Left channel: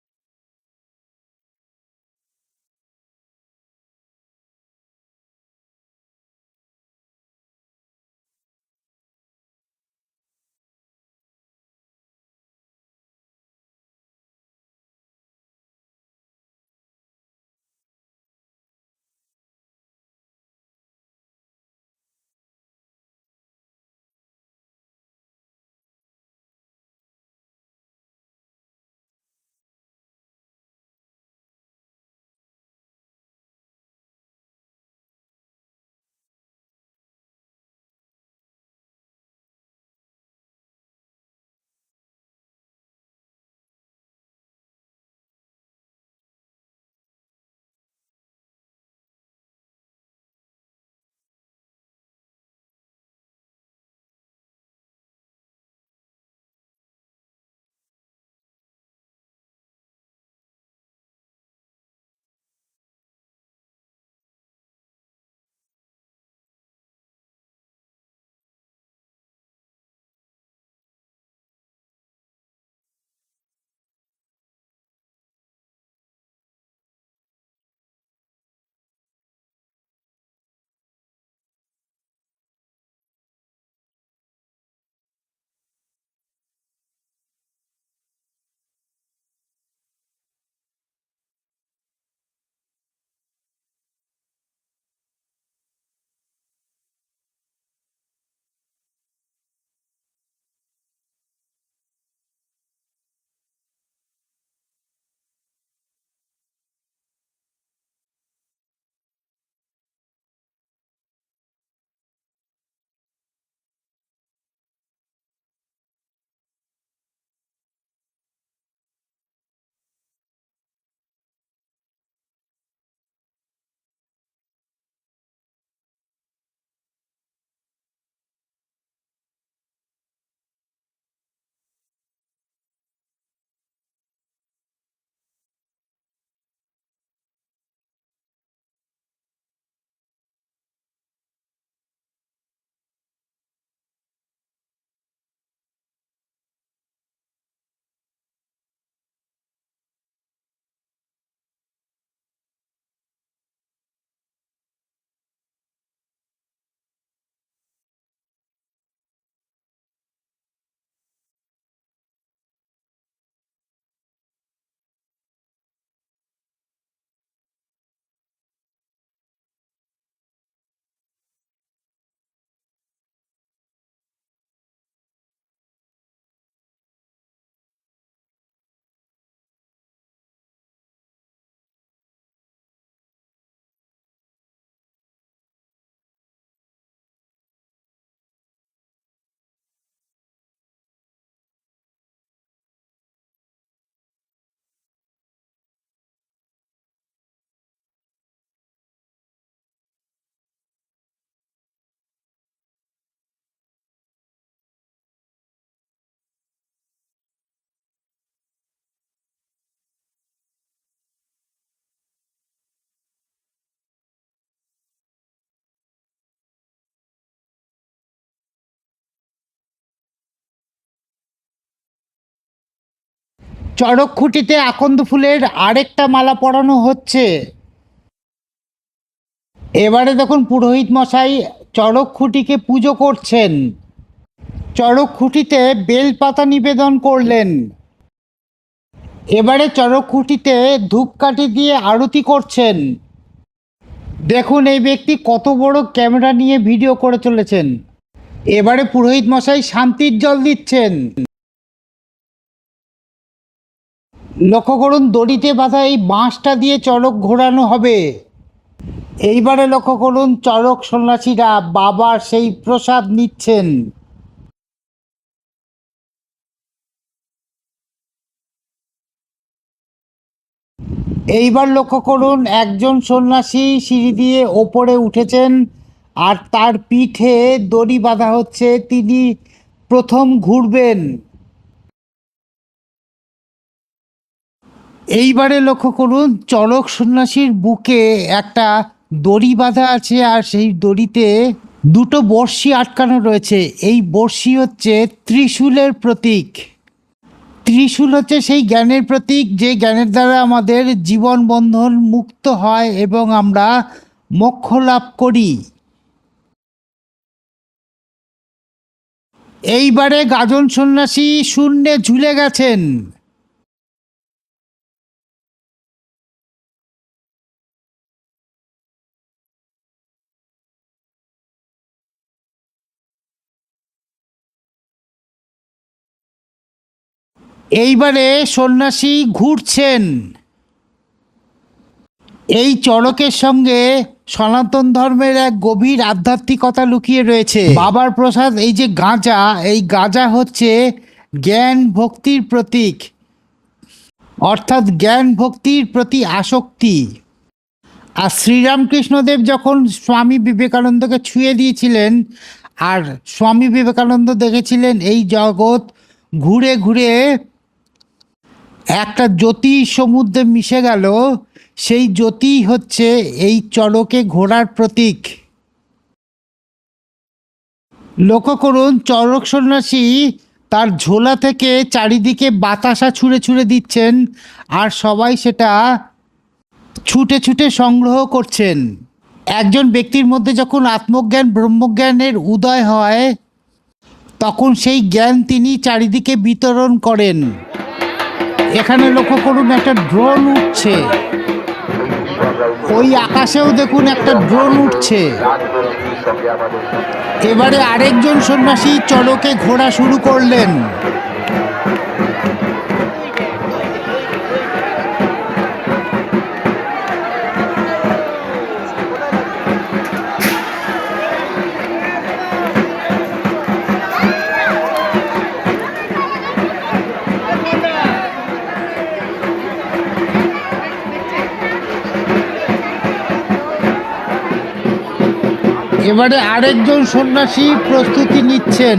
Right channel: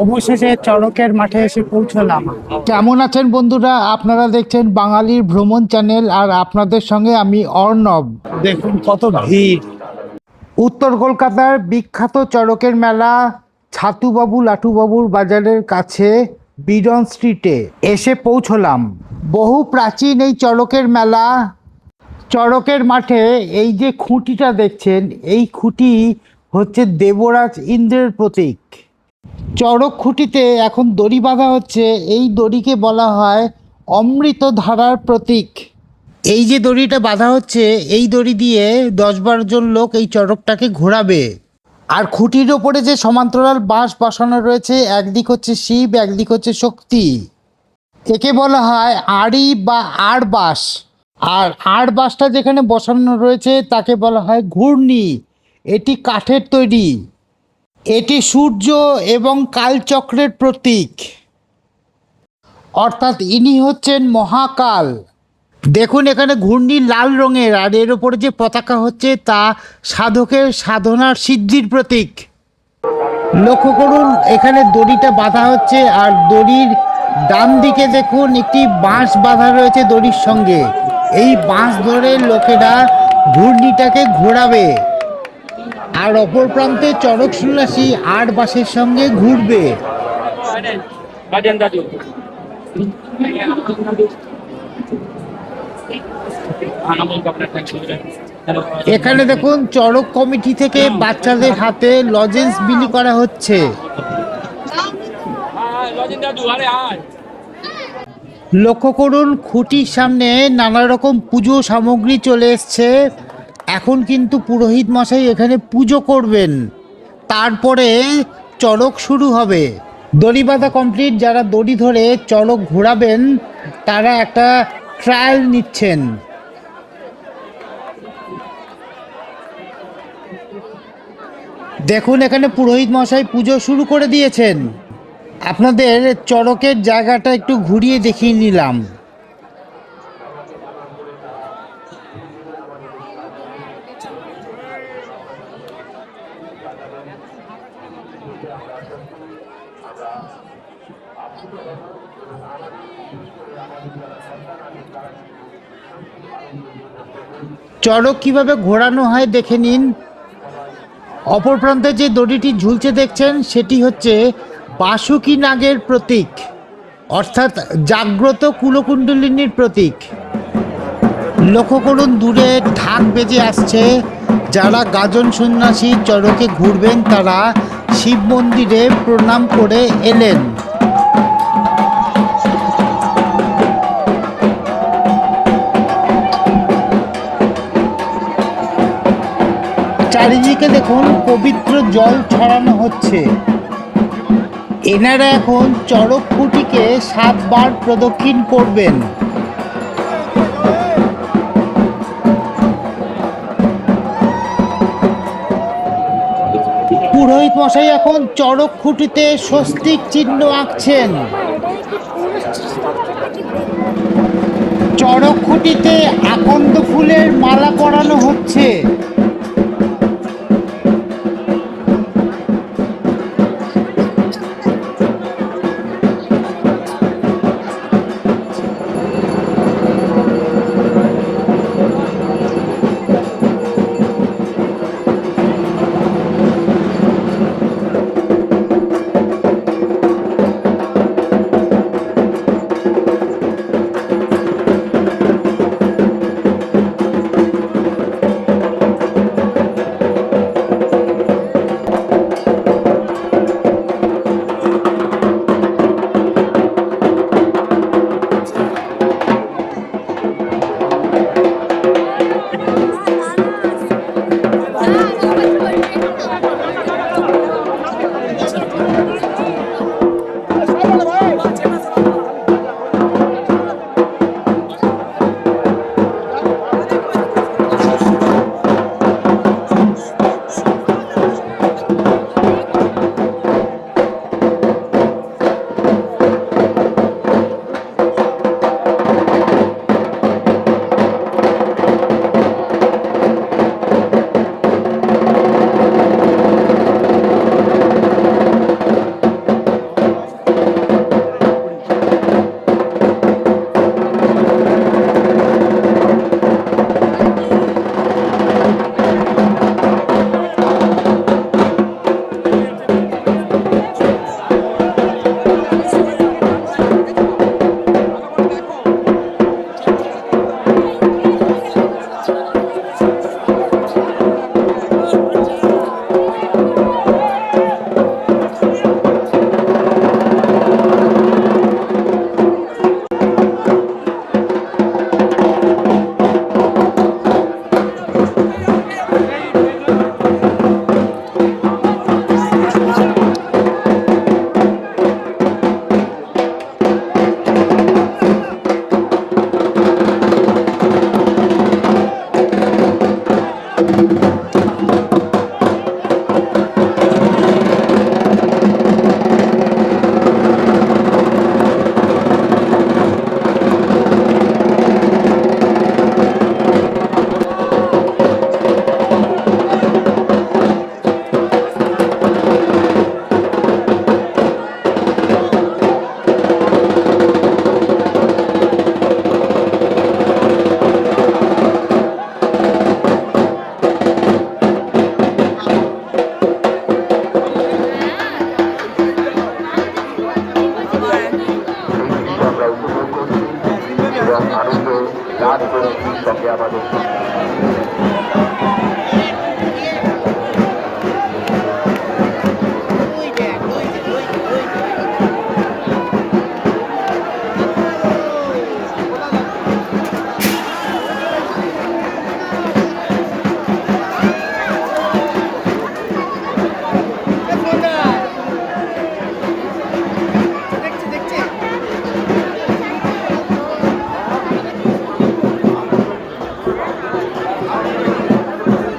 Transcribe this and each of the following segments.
অবশেষে চড়কের মাঠে এসে পৌঁছলাম। কেমন আছেন বন্ধুরা? আপনারা দেখছেন বাঙালির ভ্রমণ চ্যানেল, আর আপনাদের সঙ্গে আমি অর্ণব। দেখুন কত ভিড়। উত্তর কলকাতার বিখ্যাত চড়কের মেলা ছাতুবাবু লাটুবাবুর বাজারের কাছে বিডন স্ট্রিটে এসে পৌঁছলাম। বহু প্রাচীন এই চড়কের মেলা। চড়কের মাঠে এই যে খুঁটিটা দেখছেন, এই খুঁটি হচ্ছে দেবরাজ ইন্দ্রের প্রতীক। চড়ক খুঁটিতে এখন দড়ি বাঁধা হচ্ছে। এই দড়িকে বলা হয় অমৃত ধারার প্রতীক। এই যে দড়িটা বাঁধা হচ্ছে, এই দড়ি দিয়ে 10-12 জন লোক এই চড়কটাকে ঘোরাবে। আর খুঁটির ওপরে যে সমান্তরাল বাঁশ বসানো রয়েছে, একদিক হচ্ছে শিব, একদিক হচ্ছে শক্তি। একে বলা হয় আড়ি বা আড় বাঁশ। আর আড় বাঁশটা যেখানে বসানো রয়েছে তাকে বলা হয় ঘূর্ণি। এটি কাঠের তৈরি। এটি সূর্য এবং কালচক্রের প্রতীক, অর্থাৎ ইনি হচ্ছেন মহাকাল। দেখুন এখানে ঘূর্ণি লাল রঙের, আর এর ওপরে যে পতাকা হচ্ছে তা সাধকের সাধনার সিদ্ধির প্রতীক। লক্ষ্য করুন এখানে দড়িটা বাঁধা হচ্ছে, আর দড়ির ডান দিকে দেখুন একটি বাঁশ বাঁধা রয়েছে দড়ির সঙ্গে। এই বাঁশ ধরে লোকেরা ঘূর্ণিটাকে ঘোরাবে, আর অপর প্রান্তে চড়ক সন্ন্যাসী আট বাঁশের সঙ্গে ঘুরবে। এখানে দেখুন চড়ক কমিটি থেকে বাচ্চাদের হাতে লজেন্স বিলি করা হচ্ছে। লক্ষ্য করুন খুঁটির সামনে নানা রকম পুজো সামগ্রী চলে এসছে। এখন কিন্তু পুরোহিত মশাই এখানে পুজো করবেন, তারপরে চড়ক শুরু হবে। দড়ি বাঁধা কমপ্লিট। যারা দড়ি ধরে চড়ক ঘোরাবেন তারা একটা ট্রায়াল নিচ্ছেন। দেখুন এখানে পুরোহিত মশাই পুজো শুরু করে দিয়েছেন। আপনাদের চড়কের জায়গাটা একটু ঘুরিয়ে দেখিয়ে নিলাম। চড়ক কিভাবে ঘোরানো হয় দেখে নিন। অপর প্রান্তে যে দড়িটি ঝুলছে দেখছেন, সেটি হচ্ছে বাসুকী নাগের প্রতীক, অর্থাৎ জাগ্রত কুলকুণ্ডলিনীর প্রতীক। লক্ষ্য করুন দূরে ঢাক বেজে আসছে। যারা গাজন সন্ন্যাসী চড়কে ঘুরবেন তারা শিব মন্দিরে প্রণাম করে এলেন। চারিদিকে দেখুন পবিত্র জল ছড়ানো হচ্ছে। এনারা এখন চড়ক খুঁটিকে 7 বার প্রদক্ষিণ করবেন। পুরোহিত মশাই এখন চড়ক খুঁটিতে স্বস্তিক চিহ্ন আঁকছেন। চড়ক খুঁটিতে আকন্দ ফুলের মালা পরানো হচ্ছে। চড়ক খুঁটিতে আকন্দ ফুলের আরেকটা মালা পরানো হচ্ছে। এবারে দেখুন পুরোহিত মশাই চড়ক খুঁটিকে পুজো করছেন। চড়ক খুঁটিতে বেলপাতা নিবেদন করলেন। এবারে চড়ক খুঁটিতে ধূপকাঠি দিয়ে আরতি করছেন। দেখুন এই ব্যক্তি কত বড় ক্যামেরা নিয়ে ভিডিও করে চলেছেন। এবারে পুরোহিত মশাই শান্তির জল দিচ্ছেন। লক্ষ্য করুন দড়িতে বাঁধা এই বাঁশটা দিয়ে চড়ক ঘোরানো হবে। এইবারে লক্ষ্য করুন চড়ক সন্ন্যাসীরা বাবার সেই প্রসাদ নিচ্ছেন। এইবার লক্ষ্য করুন একজন সন্ন্যাসী সিঁড়ি দিয়ে ওপরে উঠেছেন, আর তার পিঠে দড়ি বাঁধা হচ্ছে। তিনি প্রথম ঘুরবেন। এইবারে লক্ষ্য করুন চড়ক সন্ন্যাসীর বুকে একটা দড়ি বাঁধা আছে, আর সেই দড়িতে দুটো বড়শি আটকানো রয়েছে। এই বড়শি হচ্ছে ত্রিশূলের প্রতীক। ত্রিশূল হচ্ছে সেই জ্ঞানের প্রতীক, যে জ্ঞানের দ্বারা আমাদের জীবন বন্ধন মুক্ত হয় এবং আমরা মোক্ষ লাভ করি। এইবারে গাজন সন্ন্যাসী শূন্যে ঝুলে গেছেন। এইবারে সন্ন্যাসী ঘুরছেন। এই চড়কের সঙ্গে সনাতন ধর্মের এক গভীর আধ্যাত্মিকতা লুকিয়ে রয়েছে। বাবার প্রসাদ এই যে গাঁজা, এই গাঁজা হচ্ছে জ্ঞান ভক্তির প্রতীক, অর্থাৎ জ্ঞান ভক্তির প্রতি আসক্তি। আর শ্রীরামকৃষ্ণদেব যখন স্বামী বিবেকানন্দকে ছুঁয়ে দিয়েছিলেন, আর স্বামী বিবেকানন্দ দেখেছিলেন এই জগৎ ঘুরে ঘুরে একটা জ্যোতি সমুদ্রে মিশে গেল, সেই জ্যোতি হচ্ছে এই চড়কে ঘোড়ার প্রতীক। লক্ষ্য করুন, চড়ক সন্ন্যাসী তার ঝোলা থেকে চারিদিকে বাতাসা ছুঁড়ে ছুঁড়ে দিচ্ছেন, আর সবাই সেটা ছুটে ছুটে সংগ্রহ করছেন। একজন ব্যক্তির মধ্যে যখন আত্মজ্ঞান ব্রহ্মজ্ঞানের উদয় হয়, তখন সেই জ্ঞান তিনি চারিদিকে বিতরণ করেন। এখানে লক্ষ্য করুন, একটা ড্রোন উঠছে, ওই আকাশেও দেখুন একটা ড্রোন উঠছে। এবারে আরেকজন সন্ন্যাসী চড়কে ঘোরা শুরু করলেন। এবারে আরেকজন সন্ন্যাসী প্রস্তুতি নিচ্ছেন।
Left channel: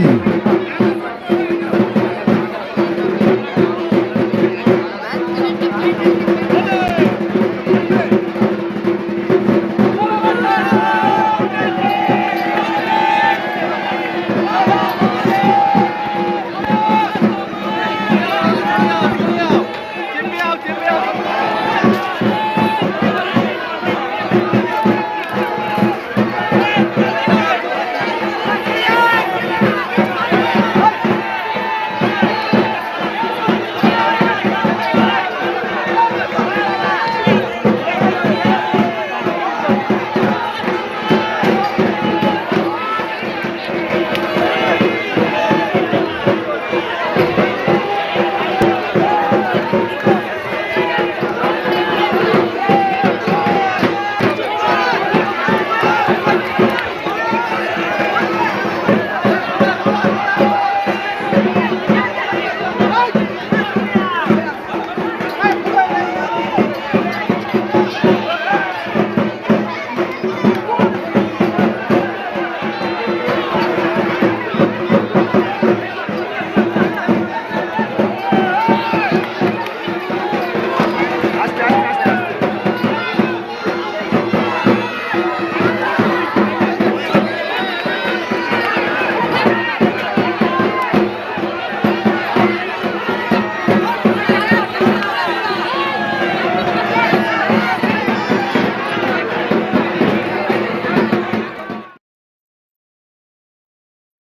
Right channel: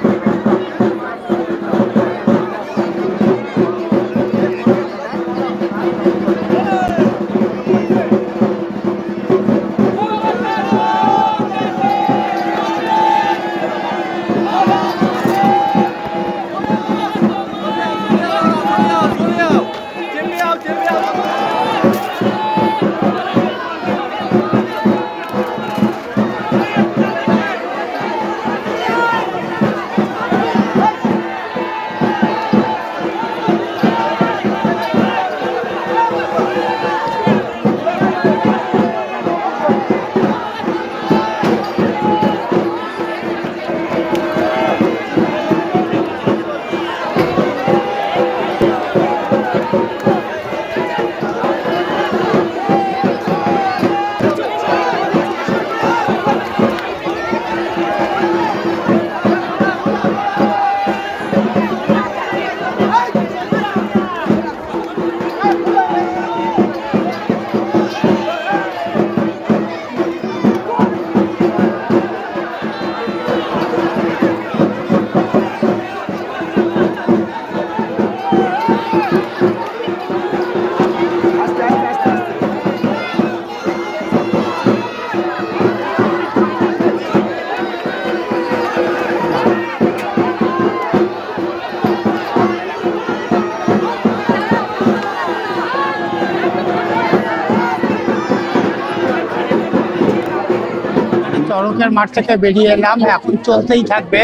মাঠ থেকে বেরিয়ে এলাম, এখন চলতেই থাকবে।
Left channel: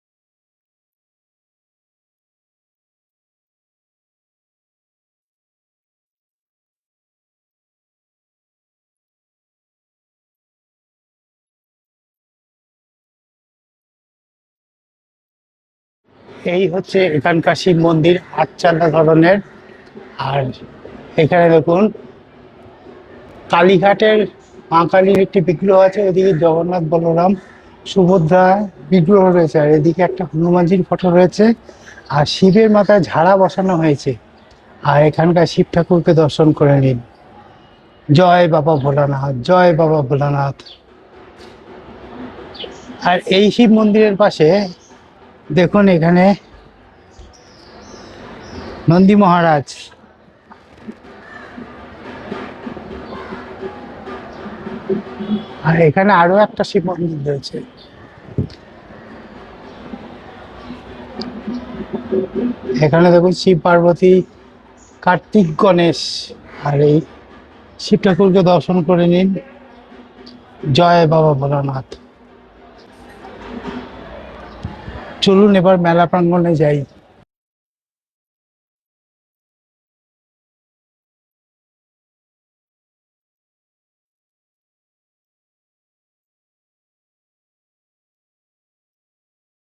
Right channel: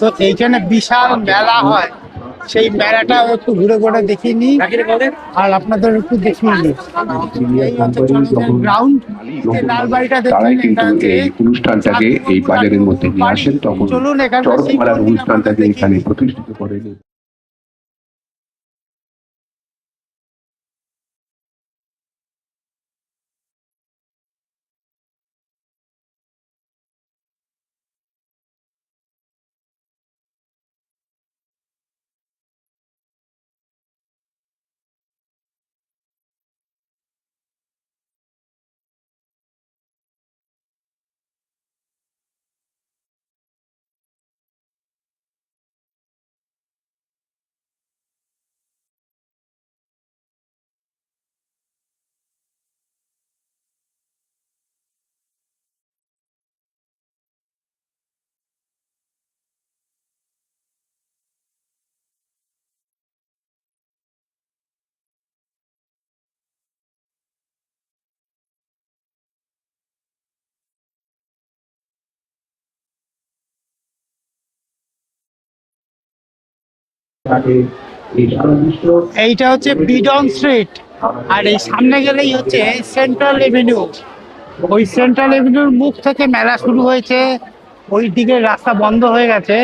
তো এইখানে বিশাল মেলা হয়, সেই মেলাটা একটু ঘুরে ঘুরে দেখিয়ে নিই আর আপনাদের একটু দেখিয়ে নিই। এই হচ্ছে গ্রাউন্ড, লালবাড়িটা দেখুন। অনুষ্ঠানটাকে এই বাজারের মধ্যে নিয়ে আসেন, তখন চলুন এখানকার অনুষ্ঠানটাকে এখানে এই হচ্ছে এখানকার শিব মন্দির, আচ্ছাদা ধরনের। আর এখানে দেখুন কালীঘাটের মা কালীর একটি বিগ্রহ আছে, ওইদিকে জগন্নাথ বলরাম সুভদ্রা বিগ্রহ রয়েছে, আর এদিকে একটা হনুমানজির ফটো রয়েছে, আর শিবের মাথায় ঝাড়া বসানো হয়েছে। আর এখানকার শিব ঠাকুরকে দর্শন করে নিন। জয় বাবা ভোলানাথ, জয় বাবা ভোলানাথ। আর এই শিব মন্দিরের পাশে দেখুন এখানে নন্দী মহারাজ। আর এখানে আরো একটা শিব মন্দির রয়েছে। এখানে দেখুন শিব পার্বতী, কার্তিক, গণেশ। আর এই শিব ঠাকুরকে দর্শন করে নিন। জয় বাবা ভোলানাথ। চলুন এবার মেলা প্রাঙ্গণে যাই। এইটা হচ্ছে বিডন স্ট্রিট, আর এই সামনে গেলেই হচ্ছে সেন্ট্রাল এভিনিউ। ওই সেন্ট্রাল এভিনিউর মুখ থেকে মেলা শুরু হয়েছে। ওই দিকে রাস্তা বন্ধ হয়ে গেছে,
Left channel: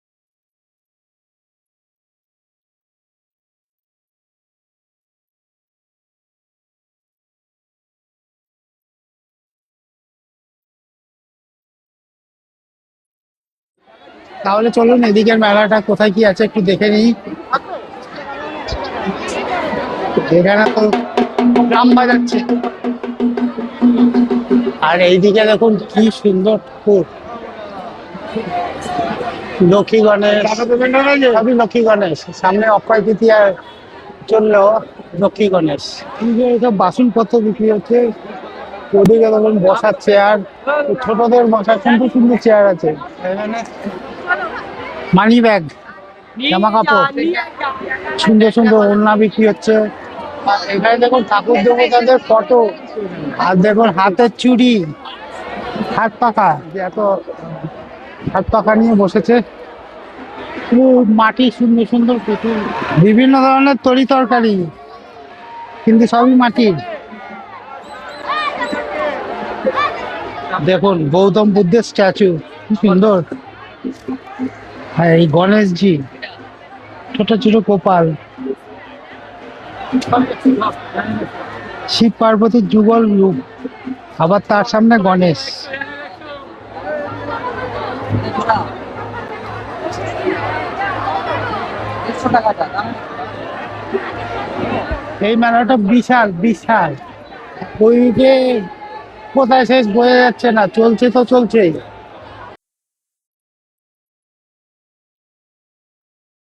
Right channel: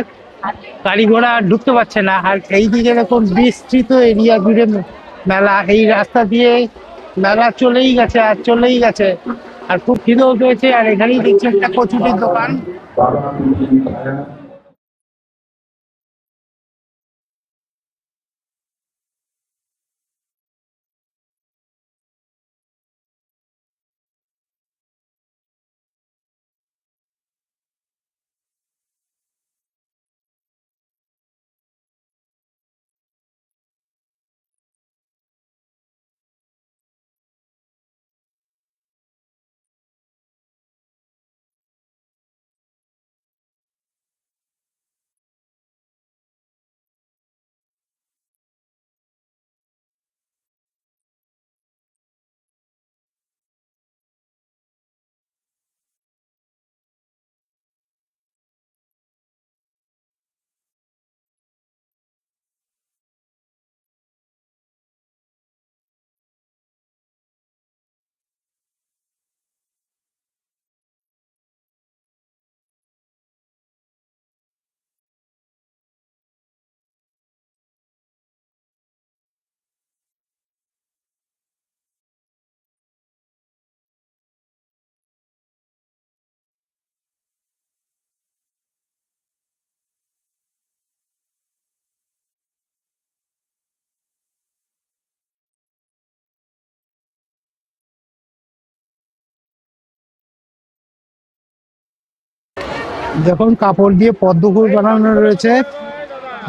গাড়ি ঘোড়া আর ঢুকতে পারছে না। আর এই দিকে দেখুন বিস্তৃত এরিয়া জুড়ে মেলা। এই রাস্তা দিয়ে মেলা চলেই গেছে আর চলেই গেছে। আর খুব খিদেও পেয়েছে, আর এখানেই দেখছি একটা কচুরির দোকান। তাহলে চলুন এদিকের মেলাটা কোথায় কি আছে একটু দেখে নিই। এখানে তো ড্রাম বাজাচ্ছে। আর এইদিকে দেখুন কি সুন্দর ঠাকুর, লক্ষ্মী গণেশ, সবই লক্ষ্মী গণেশ। সামনে অক্ষয় তৃতীয়ার জন্য লক্ষ্মী গণেশ। এইসব বাসনপত্র বিক্রি হচ্ছে। ওদিকে দেখুন বসার চেয়ার, ছোটদের বসার সুন্দর সুন্দর চেয়ার আছে। এখানে মানি ব্যাগ, জামা কাপড়, সুন্দর সুন্দর ওড়না বিক্রি হচ্ছে। আর এখানে দেখুন ঠাকুর দেবতাদের ফটো, আর দেখুন হাতের চুড়ি, হাত পাখা, যে এত হাত পাখা নিয়ে বসেছে। খুব মাটি, সুন্দর সুন্দর পুতুল, বিভিন্ন ধরনের তরি তরকারি, কিন্তু সবই মাটির। দেখুন গৌতম বুদ্ধের স্ট্যাচু, কি সুন্দর। আর এই গণেশজি, ছোট ছোট গোপাল, শিব পার্বতীর যুগল রূপ, আবার তার সামনে গণেশ। এই মেলাটা বিশাল বিশাল। ওইদিকে কোথায় শেষ বোঝা যাচ্ছে না, চলছে তো চলছেই। দেখুন কাপড় দিয়ে পদ্মফুল বানানো রয়েছে।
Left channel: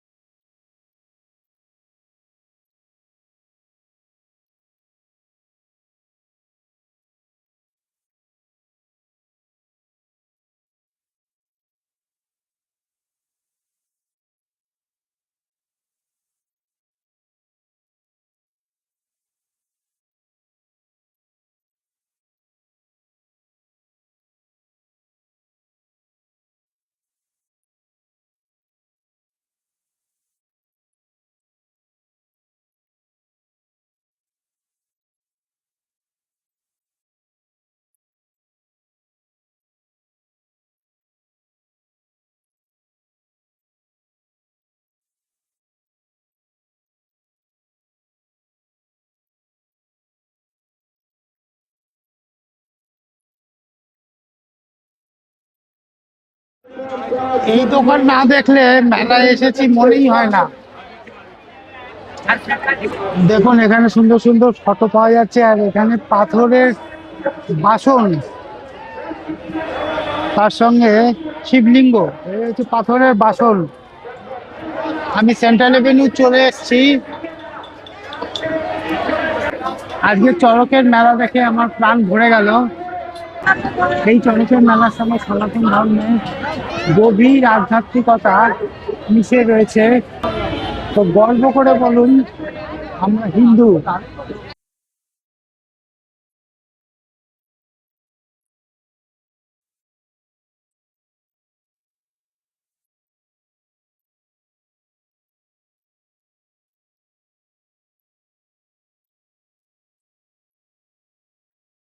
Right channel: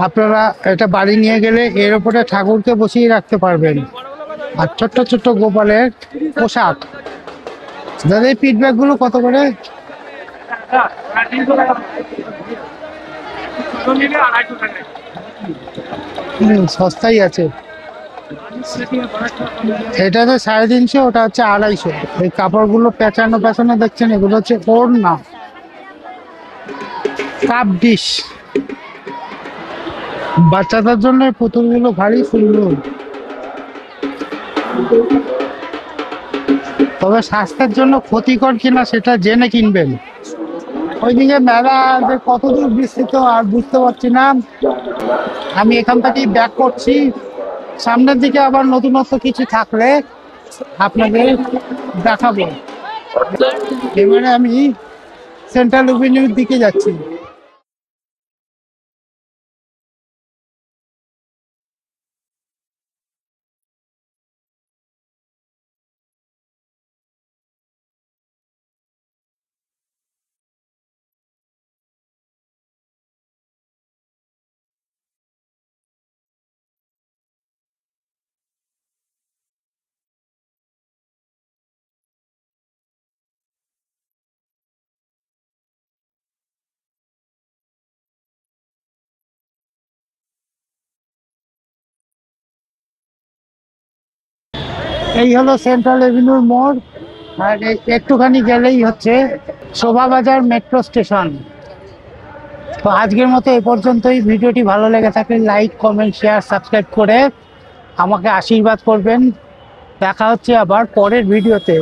আপনারা এটা বাড়ি নিয়ে গেলে এর উপরে ঠাকুরকে বসিয়ে রাখতে পারবেন। আর ছোট্ট ছোট্ট গোপালের পোশাক। দাদা এই পিঠ ব্যাগ গুলো কত করে? সস্তাই আছে। এটা তো 350, ওটা হচ্ছে 250। এই কাপড়গুলো পেঁচানো পেঁচানো দেখছেন, এগুলো হচ্ছে ওড়না। কাপ ডিশ, বাচ্চাদের জন্য এই পুতুলগুলো ভারী সুন্দর। তবে স্বাস্থ্যের জন্য ক্ষতিকর কিনা সেটা জেনে কিনবেন। ওইদিকে মেলা যে কতদূর বিস্তৃত আর বুঝতে পারছি না। আমি এখান থেকেই ব্যাক করছি। সামনের দিকে আবার নতুনত্ব কিছু থাকলে আপনাদের দেখাবো। এবারে আমি সেন্ট্রাল এভিনিউর দিকে যাচ্ছি। এই দোকান না দেখলে মেলায় এসেছি মনেই হয় না। দেখুন এখানে সুন্দর সুন্দর ফটো পাওয়া যাচ্ছে। আর এখানে পাথরের বাসন, তার সঙ্গে শিবলিঙ্গ, এই হচ্ছে পাথরের বাসন। আমি সেন্ট্রাল এভিনিউ চলে এসেছি। আজকে চড়কের মেলা দেখে আমার প্রাণ ভরে গেল। এই চড়কের মেলার সঙ্গে সনাতন ধর্মের গভীর আধ্যাত্মিকতা মিশে রয়েছে। তো গর্ব করে বলুন আমরা হিন্দু। এই হলো সেন্ট্রাল এভিনিউর মোড়। আর একটুখানি গেলেই হচ্ছে শোভাবাজার মেট্রো স্টেশন। তো আজকের মতো এ পর্যন্তই। ভিডিওটি ভালো লেগে থাকলে লাইক, কমেন্ট, শেয়ার, সাবস্ক্রাইব করে আমাকে আশীর্বাদ করবেন। দেখা হচ্ছে আবার পরের ভিডিওতে।